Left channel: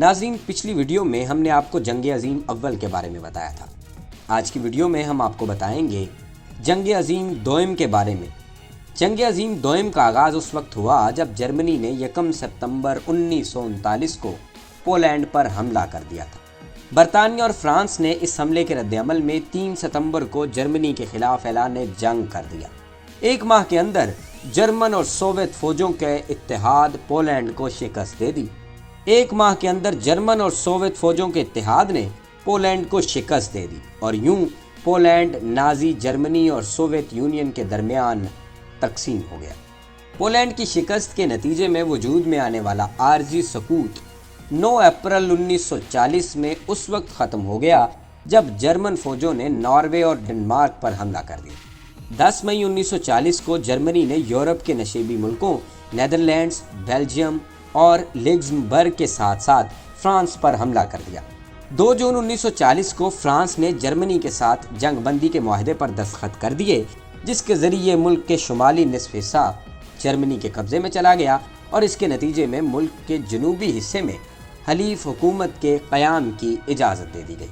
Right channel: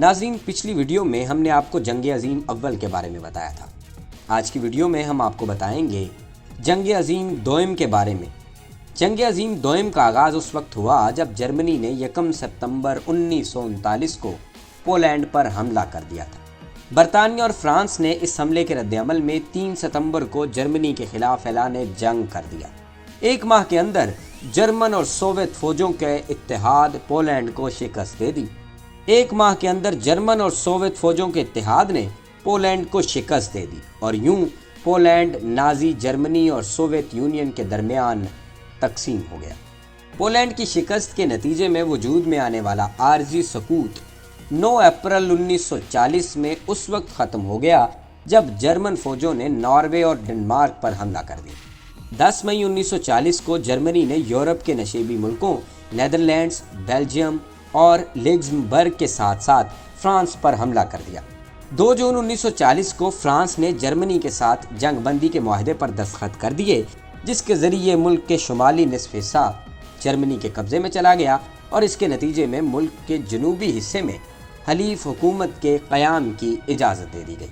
ناظرین، پچھلی ویڈیو میں ہم نے آپ کو جنگ عظیم اول کے بارے میں بتایا تھا۔ آج کی ویڈیو میں ہم آپ کو بتائیں گے جنگ عظیم دوئم کے بارے میں۔ جنگ عظیم دوئم کا آغاز اس وقت ہوا جب جرمنی نے 1 ستمبر 1939 کو پولینڈ پر حملہ کر دیا تھا۔ برطانیہ اور فرانس نے اس حملے کے رد عمل میں 3 ستمبر کو جرمنی کے خلاف اعلان جنگ کر دیا۔ ایک ماہ کے اندر جرمن اور سوویت فوجوں کے اتحاد پولینڈ کو شکست دے دی۔ ایک ماہ کے اندر جرمن اور سوویت فوجوں کے اتحاد نے پولینڈ کو شکست دے دی اور یوں پولینڈ نازی جرمنی اور سوویت یونین کے درمیان تقسیم ہو گیا۔ پولینڈ کی شکست کے نتیجے میں وجود میں آنے والا عارضی سکوت 9 اپریل 1940 میں اس وقت ختم ہو گیا جب جرمن فوجوں نے ناروے اور ڈنمارک پر حملہ کر دیا۔ 10 مئی 1940 کو جرمنی نے یورپ کے نشیبی ملکوں نیدرلینڈز، بیلجیم اور لگزمبرگ کے ساتھ ساتھ فرانس پر حملہ کر دیا۔ 2 جون 1940 کو فرانس نے جرمنی کے ساتھ جنگ بندی کے معاہدے پر دستخط کر دیے، جس کے ذریعے ملک کے شمالی نصف حصہ جرمنی کے قبضے میں چلا گیا اور اس کے نتیجے میں ملک کے جنوبی حصے میں حلیف حکومت کے قیام کی اجازت دے دی گئی۔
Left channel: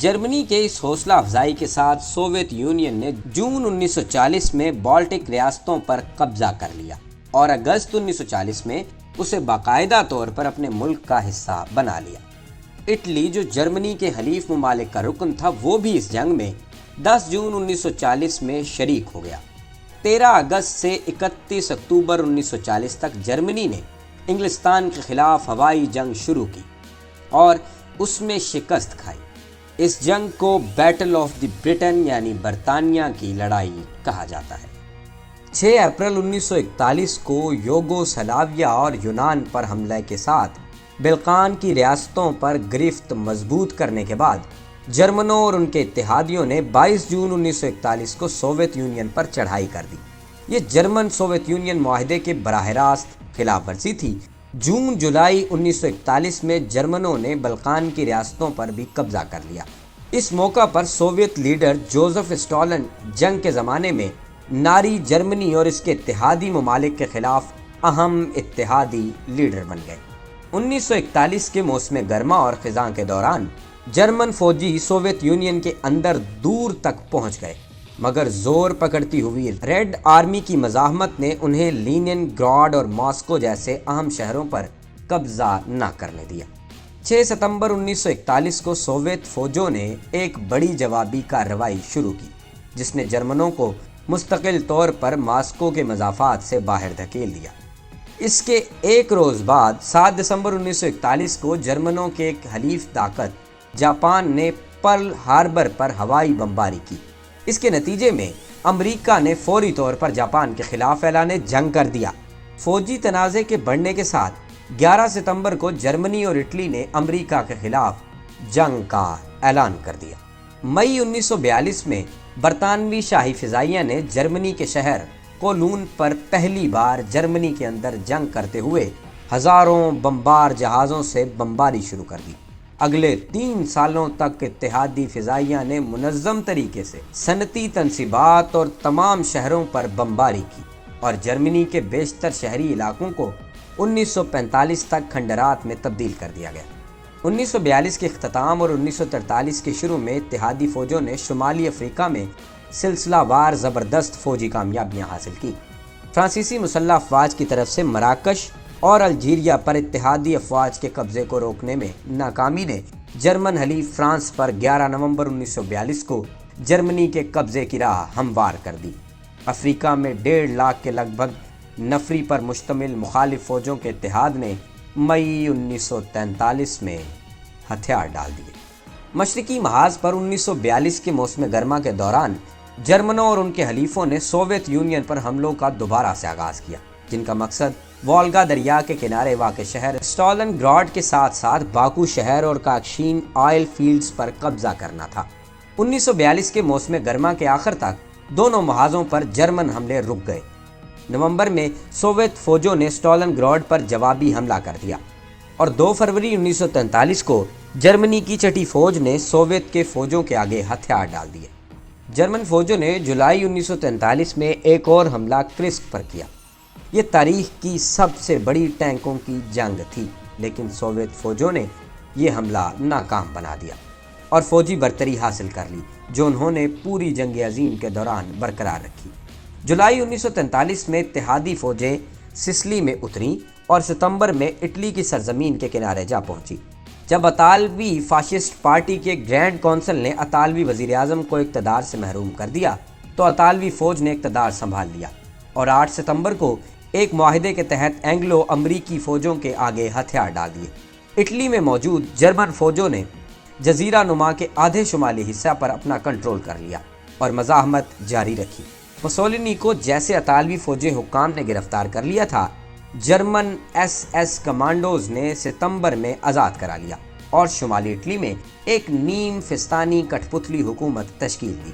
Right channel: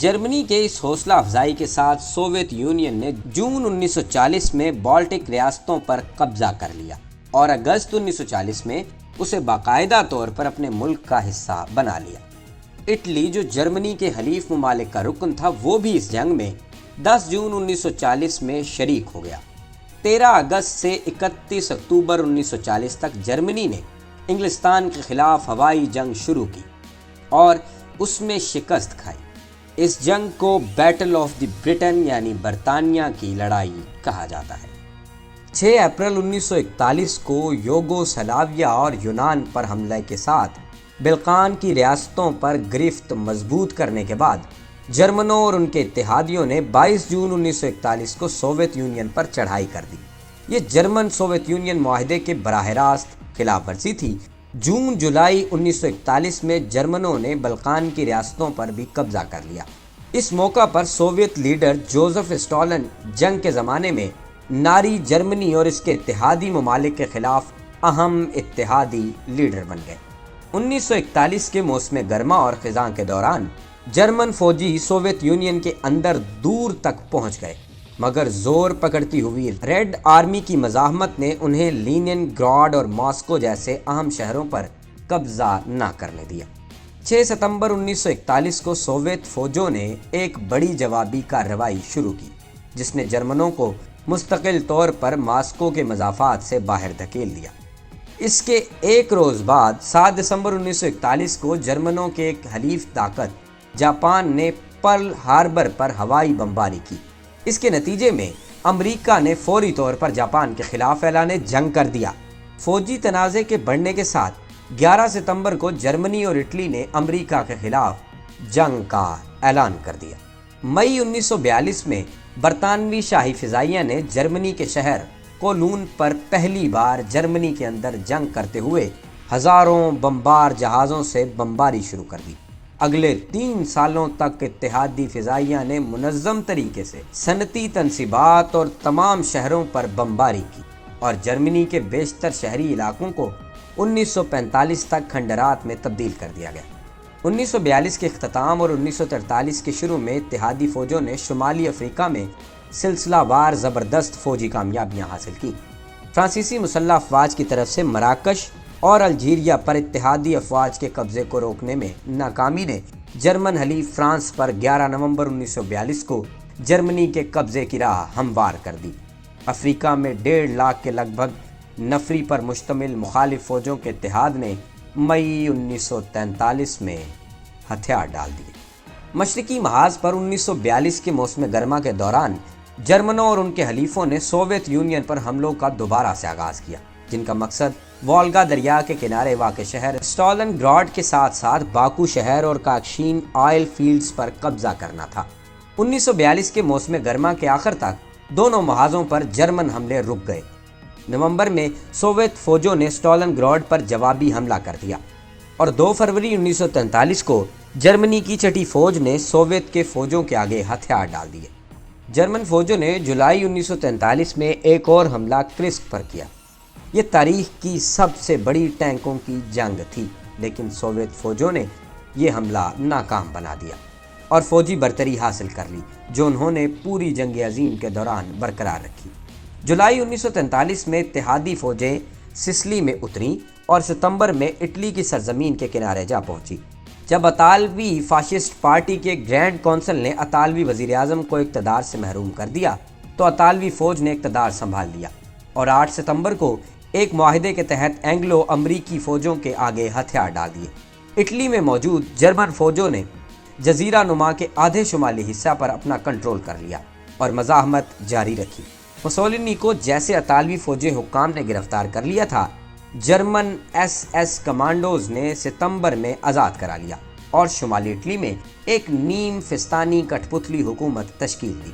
جرمنی کے اس حوصلہ افزائی کے ساتھ سوویت یونین نے جون 1940 میں بالٹک ریاستوں پر قبضہ کر لیا اور اگست 1940 میں اسے باقاعدہ طور پر اپنے ملک کا حصہ بنا لیا۔ اٹلی، جو جرمنی کے حلیف ممالک کا رکن تھا، وہ بھی اس جنگ میں 10 جون 1940 میں شریک ہو گیا۔ 13 اگست سے 31 اکتوبر 1940 تک جرمنی نے انگلستان کے خلاف ہوائی جنگ شروع کی اور اس میں شکست کھائی۔ اس جنگ کو بیٹل آف دی برٹن یعنی برطانیہ کی لڑائی کہا جاتا ہے۔ 6 اپریل 1941 کو یوگوسلاویہ اور یونان پر حملے کے ساتھ بلقان کی ریاستوں پر گرفت مضبوط کرنے کے بعد جرمنوں اور ان کے اتحادیوں نے 22 جون 1941 کو سوویت یونین پر چڑھائی کر دی۔ یہ جرمن سوویت یونین معاہدے کی براہ راست خلاف ورزی تھی۔ جون جولائی 1941 میں جرمنوں نے بلقان کی ریاستوں پر بھی قبضہ کر لیا۔ اس موقع پر سوویت لیڈر جوزف اسٹالن جنگ کے زمانے میں ناری جرمنی اور اس کے اتحادی ممالک کے خلاف اہم اتحادی لیڈر بن گئے۔ 1941 کے موسم گرما اور خزاں کے دوران جرمن فوجی سوویت یونین کے اندر دور تک پہنچ گئے، مگر زور پکڑتی ہوئی ریڈ آرمی کی مزاحمت نے انہیں لینن گراڈ اور ماسکو جیسے اہم شہروں پر قبضہ نہ کرنے دیا۔ 6 ستمبر 1941 کو سوویت فوجوں نے ایک بڑی جوابی کارروائی شروع کی، جس نے جرمنوں کو مستقل طور پر ماسکو کے مضافات سے باہر دھکیل دیا۔ اس کے ایک روز بعد 7 دسمبر 1941 کو جرمنوں کے ایک حلیف طاقت جاپان نے پرل ہاربر پر ہوائی بمباری کی۔ اس کے نتیجے میں امریکہ نے فوری طور پر جاپان کے خلاف اعلان جنگ کر دیا۔ فوجی تنازع کے بڑھنے کے ساتھ 11 ستمبر کو جرمنی اور اٹلی نے امریکہ کے خلاف جنگ کا اعلان کر دیا۔ مئی 1942 میں برطانوی شاہی فضائیہ نے جرمنی کے شہر کولون پر پہلی بار جرمنی کے اندر جنگ کرتے ہوئے ہزاروں بمبار جہازوں سے بمباری شروع کر دی۔ اگلے 3 سالوں تک اتحادی فضائیہ نے منظم طریقے سے صنعتی تنصیبات اور تمام شہروں پر بمباری کی اور جرمنی کے بیشتر شہری علاقوں کو 1945 تک کھنڈرات میں تبدیل کر دیا گیا۔ 1942 کے اختتام اور 1943 کے شروع میں اتحادی فوجوں نے شمالی افریقہ میں سلسلہ وار زبردست فوجی کامیابیاں حاصل کی۔ فرانسیسی مسلح افواج کی طرف سے مراکش اور الجیریا پر اتحادی افواج کے قبضے کو روکنے میں ناکامی نے جرمن حلیف فرانس پر 11 نومبر 1942 کو جرمنی کے قبضے کی راہ ہموار کر دی۔ افریقہ میں 1.5 لاکھ کے لگ بھگ نفری پر مشتمل مخالف فوجوں کے اتحاد نے مئی 1943 میں ہتھیار ڈال دیے۔ مشرقی محاذ پر 1942 کے موسم گرما کے دوران جرمنوں اور ان کے حلیفوں نے سوویت یونین پر حملوں کا دوبارہ سے آغاز کیا، جن کا مقصد والگا دریا کے کنارے واقع شہر اسٹالن گراڈ کے ساتھ ساتھ باکو شہر اور کاکشین آئل فیلڈز پر قبضہ کرنا تھا۔ 1942 کے موسم گرما کے آخر تک دونوں محاذوں پر جرمن حملے رک گئے۔ نومبر میں سوویت فوجوں نے اسٹالن گراڈ پر جوابی حملہ کر دیا اور 2 فروری 1943 کو جرمنی کی چھٹی فوج نے سوویت کے فوجوں کے آگے ہتھیار ڈال دیے۔ جرمن فوجوں نے جولائی 1943 میں ایک اور حملہ کرسک پر کیا۔ یہ تاریخ کی سب سے بڑی ٹینکوں کی جنگ تھی، لیکن سوویت فوجوں نے یہ حملہ ناکام بنا دیا اور فوجی برتری حاصل کر لی جو انہوں نے پوری جنگ عظیم کے دوران برقرار رکھی۔ جولائی 1943 میں اتحادی فوجیں سسلی میں اتریں اور ستمبر میں اٹلی کی سرزمین کے کنارے جا پہنچی۔ جب اطالوی فاشسٹ پارٹی کے گرینڈ کونسل نے اطالوی وزیر اعظم کو اقتدار سے محروم کر دیا تو اطالوی فوج نے اقتدار سنبھال لیا اور 8 ستمبر کو ایک معاہدے کے تحت اینگلو امریکی فوجوں کے آگے ہتھیار ڈال دیے۔ اٹلی میں موجود جرمن فوجوں نے جزیرہ نما کے آدھے شمالی حصہ پر اپنا کنٹرول کر لیا اور مزاحمت جاری رکھی۔ مسولینی کو جیسے اطالوی فوجی حکام نے گرفتار کر لیا تھا، جرمن ایس کمانڈوز نے ستمبر میں آزاد کرا لیا اور شمالی اٹلی میں ایک نیم فستانی کٹھ پتلی حکومت تشکیل دی۔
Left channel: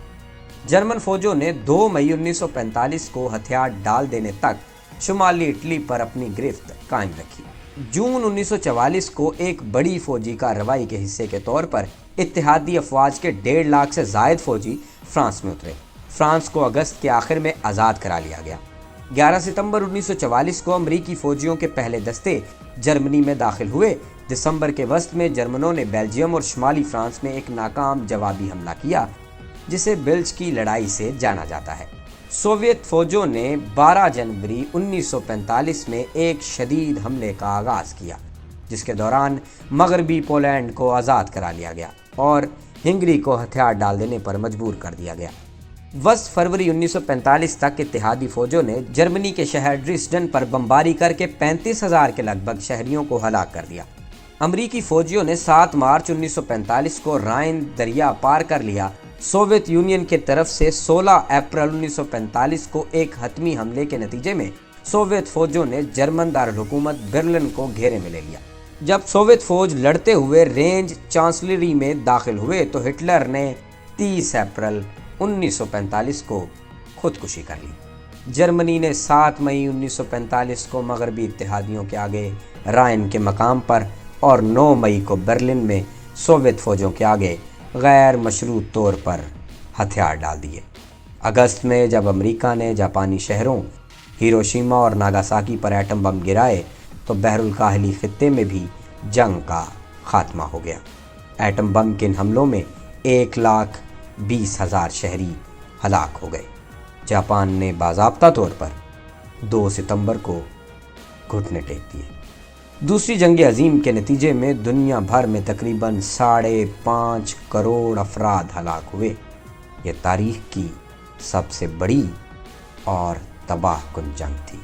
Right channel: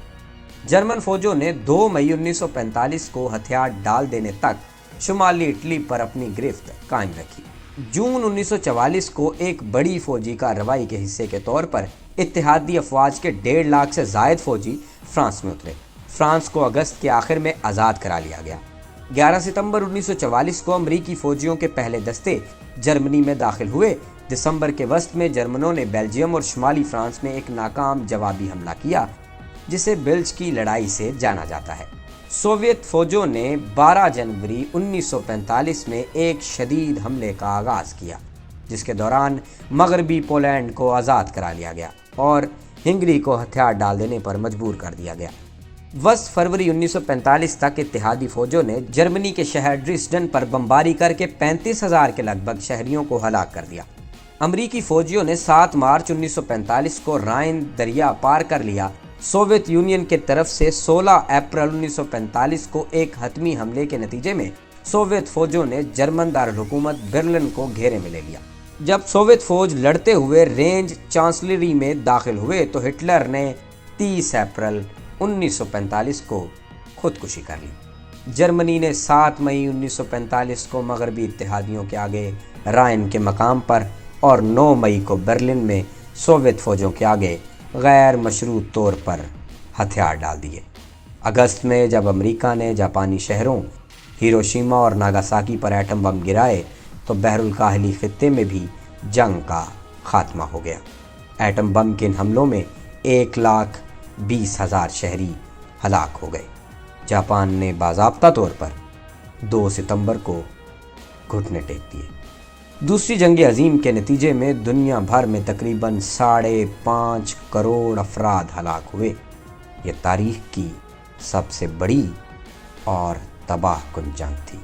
جرمن فوجوں نے 2 مئی 1945 کو ہتھیار ڈال دینے تک شمالی اٹلی پر اپنی گرفت قائم رکھی۔ جون 1944 کو ایک بڑی فوجی کارروائی کے حصے کے طور پر اتحادی افواج کے 1.5 لاکھ سے زائد فوجی فرانس میں اترے۔ فرانس کو اگست کے آخر میں آزاد کرا لیا گیا۔ 11 ستمبر 1944 کو امریکی فوجیوں کے پہلے دستے جرمنی میں داخل ہوئے۔ دسمبر کے وسط میں جرمنوں نے بیلجیم اور شمالی فرانس میں ایک ناکام جوابی حملہ کیا جسے بلج کی لڑائی سے جانا جاتا ہے۔ سوویت فوجوں نے 12 جنوری 1945 میں ایک شدید حملے کا آغاز کیا جس کے دوران مغربی پولینڈ کو آزاد کرا لیا گیا اور ہنگری کو ہتھیار ڈال دینے پر مجبور کر دیا گیا۔ 10 فروری 1945 تک اتحادی فوجوں نے جرمنی کے شہر ڈریسڈن پر بمباری کر کے 35,000 کے لگ بھگ شہریوں کو ہلاک کر دیا۔ امریکی فوجیوں نے 7 مارچ 1945 کو رائن دریا پار کر لیا۔ سوویت یونین کی طرف سے 16 اپریل 1945 کو ایک حتمی حملے کے نتیجے میں سوویت فوجوں نے جرمن دارالحکومت برلن کو گھیرے میں لے لیا۔ جب سوویت فوج لڑتے ہوئے رینج چانسلری میں داخل ہوئے تو ہٹلر نے 30 اپریل 1945 کو خودکشی کر لی۔ جرمنی نے 7 مئی 1945 کو مغربی اتحادیوں کے آگے رائن کے مقام پر اور 9 مئی کو برلن میں سوویت فوجوں کے آگے غیر مشروط طور پر ہتھیار ڈال دیے۔ اگست میں جب امریکہ نے جاپانی شہروں ہیروشیما اور ناگاساکی پر ایٹم بم گرائے تو بحر الکاہلی خطے میں بھی جنگ کا خاتمہ ہو گیا۔ ایٹم بم کے ان حملوں میں 1,20,000 شہری ہلاک ہو گئے۔ جاپان نے باضابطہ طور پر 2 ستمبر کو گھٹنے ٹیک دیے۔ دوسری جنگ عظیم کے نتیجے میں دنیا بھر میں تقریباً 5.5 کروڑ افراد ہلاک ہوئے۔ یہ تاریخ کی سب سے بڑی اور تباہ کن جنگ تھی۔